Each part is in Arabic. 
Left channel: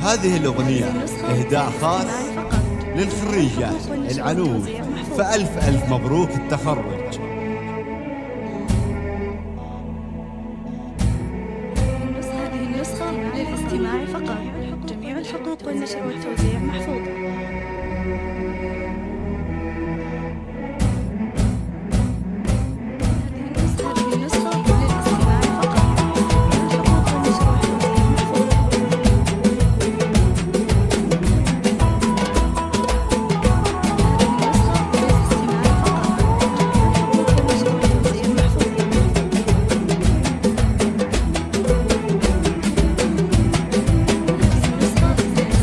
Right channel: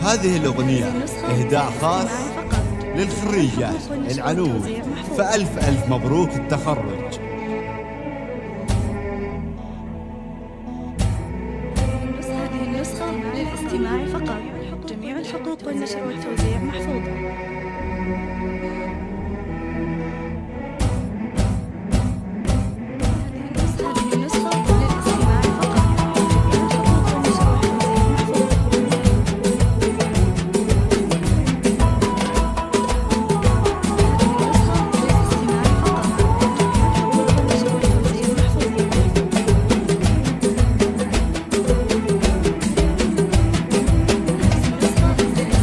هذه الأغنية إهداء خاص للخريجات العنود، فألف مبروك التخرج. هذه النسخة للاستماع فقط. جميع الحقوق والنشر والتوزيع محفوظة.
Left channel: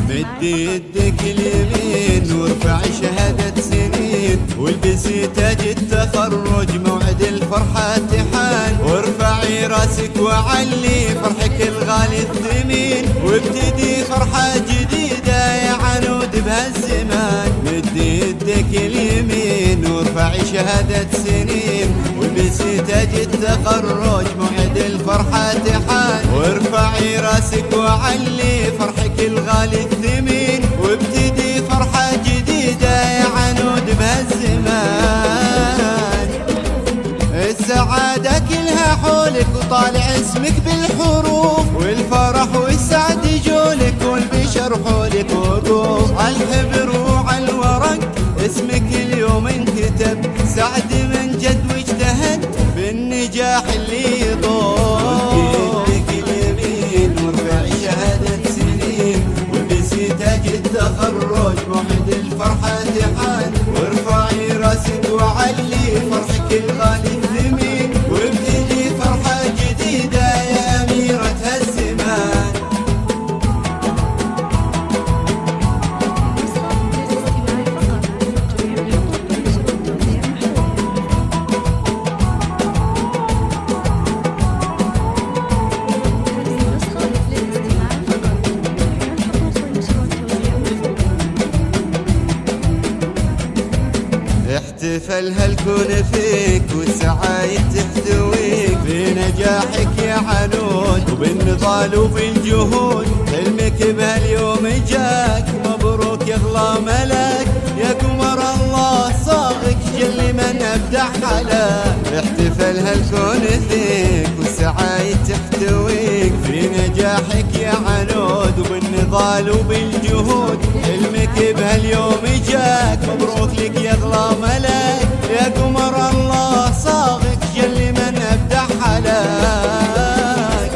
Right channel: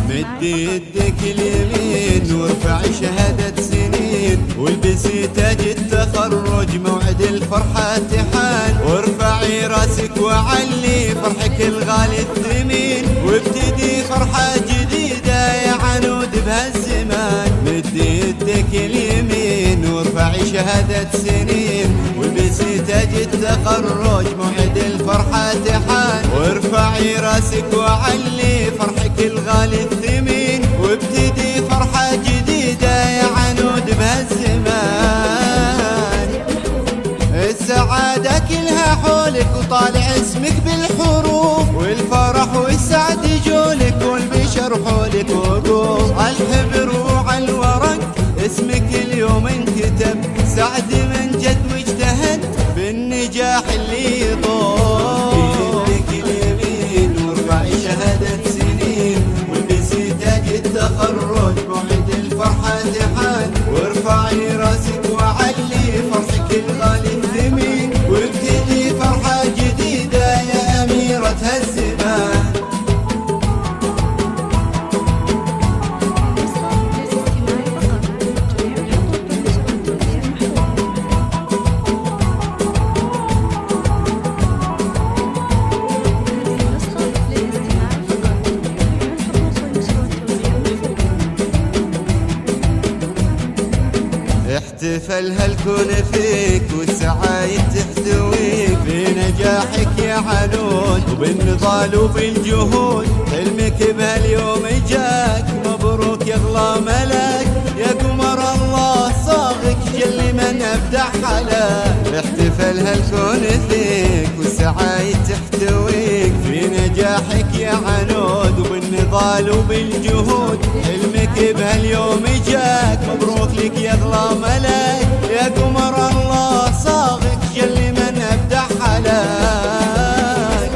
مد يدك اليمين وارفع شهادة سنين، والبسي تاج التخرج موعد الفرحة تحان، وارفعي راسك وعلي فرحك الغالي الثمين، وابتدي فرحة جديدة يا عنود بهالزمان. مد يدك اليمين وارفعي شهادة سنين، والبسي تاج التخرج موعد الفرحة تحان، وارفعي راسك وعلي فرحك الغالي الثمين، وابتدي فرحة جديدة يا عنود بهالزمان. السعادة كلها حولك وطالع اسمك بالحروف، والفرح والسعد يجولك والبشر حولك وقوف، عالحبر وعالورق اسمك اليوم انكتب، سعد من جد واجتهد بالنجاح اللي يطول. يدك اليمين وارفعي شهادة سنين، والبسي تاج التخرج موعد الفرحة تحان، وارفعي راسك وعلي فرحك الغالي الثمين، وابتدي فرحة جديدة يا أميرة هالزمان. احتفل هالكون فيك والسعايد تحتويك، في نجاحك يا عنود وبالنضال وبالجهود، حلمك بهاليوم جاك مبروك يا اغلى ملاك، يا قمر الله صاغك جل من ابدع حلاك. احتفل هالكون فيك والسعايد تحتويك، في نجاحك يا عنود وبالنضال وبالجهود، حلمك بهاليوم جاك مبروك لك يا اغلى ملاك، يا قمر الله صاغك جل من ابدع حلاك.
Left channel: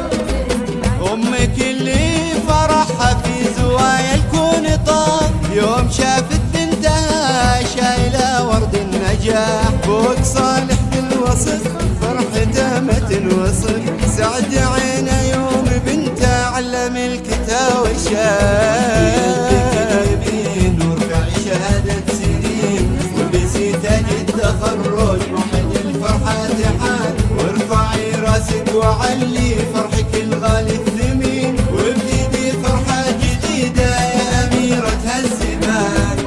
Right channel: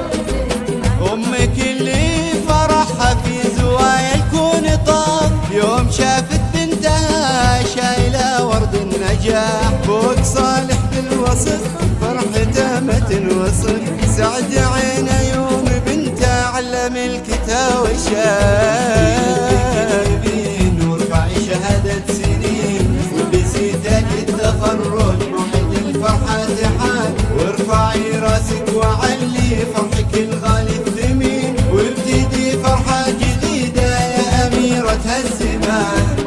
امك اللي فرحها في زوايا الكون طاق، يوم شافت بنتها شايله ورد النجاح، فوق صالح بالوصف فرحته ما تنوصف، سعد عينه يوم بنته علم الكتاب والشاف. وارفعي شهادة سنين، والبسي تاج التخرج موعد الفرحة تحان، وارفعي راسك وعلي فرحك الغالي الثمين، وابتدي فرحة جديدة يا أميرة هالزمان.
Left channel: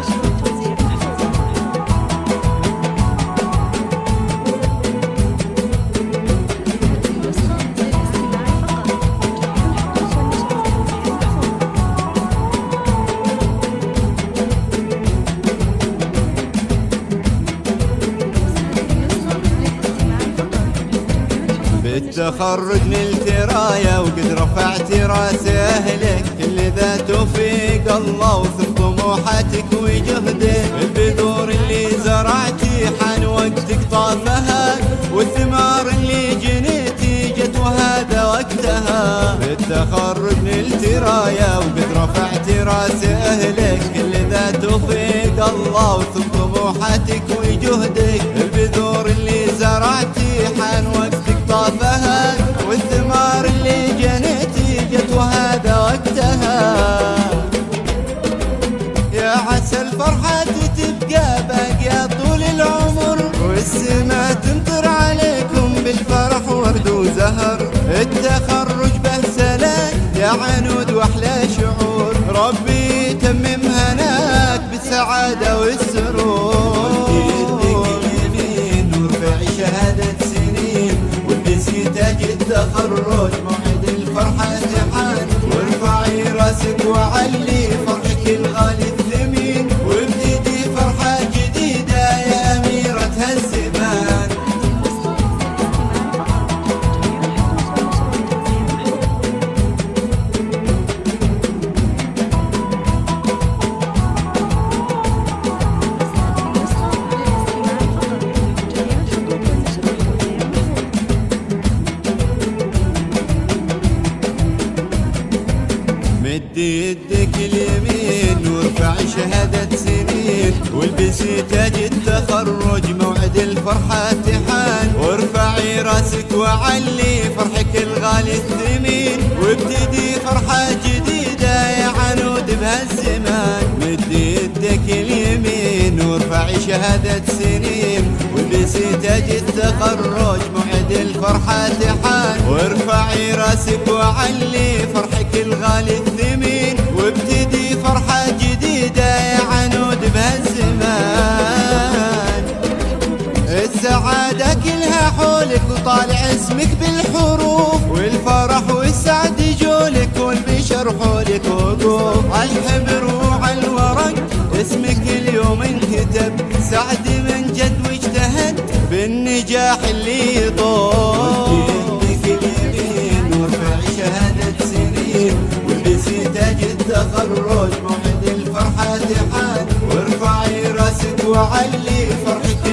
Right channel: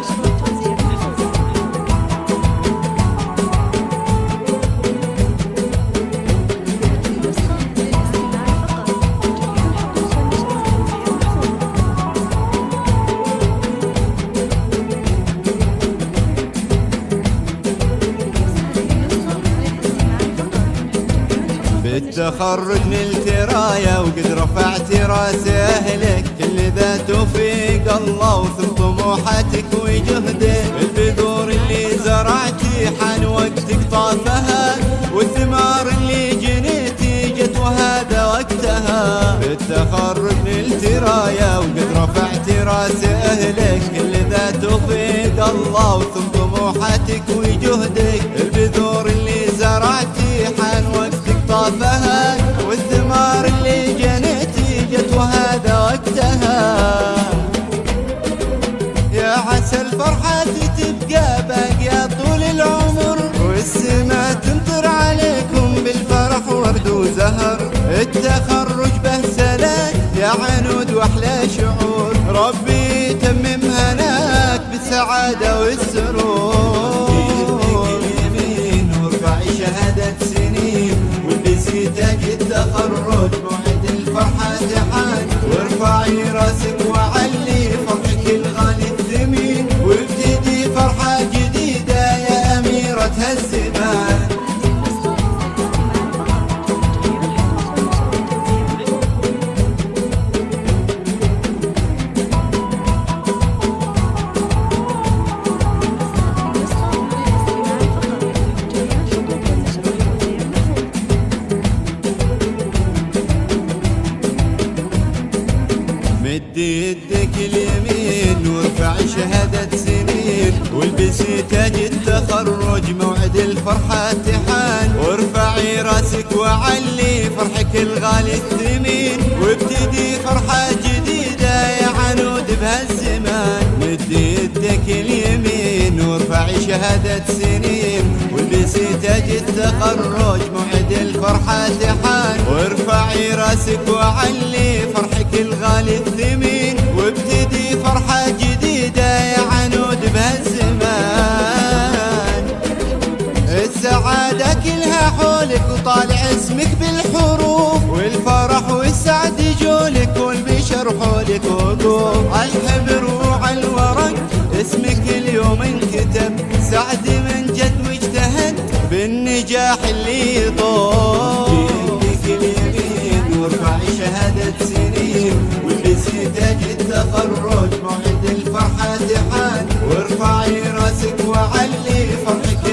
بالتخرج نلت راية وقد رفعت راس أهلك، كل ذا توفيق الله وثم طموحاتك وجهدك، البذور اللي زرعتي حان وقتك طافها، والثمار اللي جنيتي جت وهذا وقتها. بالتخرج نلت راية وقد رفعت راس أهلك، كل ذا توفيق الله وثم طموحاتك وجهدك، البذور اللي زرعتي حان وقتك طافها، والثمار اللي جنيتي جت وهذا وقتها. يا عسى الفرحة تبقى باقية طول العمر، والسما تمطر عليكم بالفرح ورد وزهر، التخرج به سلاك يا عنود واحلى شعور، ربي يتمم هناك بالسعادة والسرور. وارفعي شهادة سنين، والبسي تاج التخرج فرحة تحان، وارفعي راسك وعلي فرحك الغالي الثمين، وابتدي فرحة جديدة يا أميرة هالزمان. مد يدك اليمين وارفعي شهادة سنين، والبسي تاج التخرج موعد الفرحة تحان، وارفعي راسك وعلي فرحك الغالي الثمين، وابتدي فرحة جديدة يا عنود بهالزمان. مد يدك اليمين وارفعي شهادة سنين، والبسي تاج التخرج موعد الفرحة تحان، وارفعي راسك وعلي فرحك الغالي الثمين، وابتدي فرحة جديدة يا عنود بهالزمان. السعادة كلها حولك وطالع اسمك بالحروف، والفرح والسعد يجولك والبشر حولك وقوف، عالحبر وعالورق اسمك اليوم انكتب، سعد من جد واجتهد بالنجاح اللي يطول. وارفعي شهادة سنين، والبسي تاج التخرج موعد الفرحة تحان، وارفعي راسك وعلي فرحك